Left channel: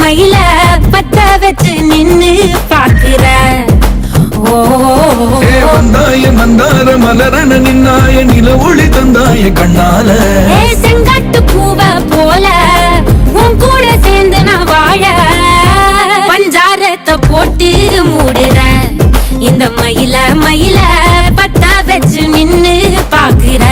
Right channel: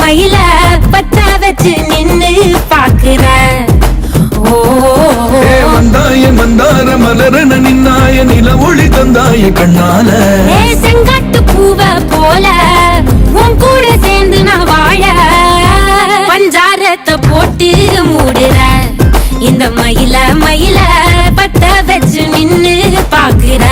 மயில பத்த வச்சு நின்னு பாக்குற. வந்தாய மந்தார மலரன நின்னாய நில ஒளி தந்தாய கண்ணால. செங்காட்டு பூவ போல உன் கூட சேர்ந்து நான் வாழ பஞ்சாரத்தை போட்டு மூடுற. இந்த மயில பத்த வச்சு நின்னு பாக்குற.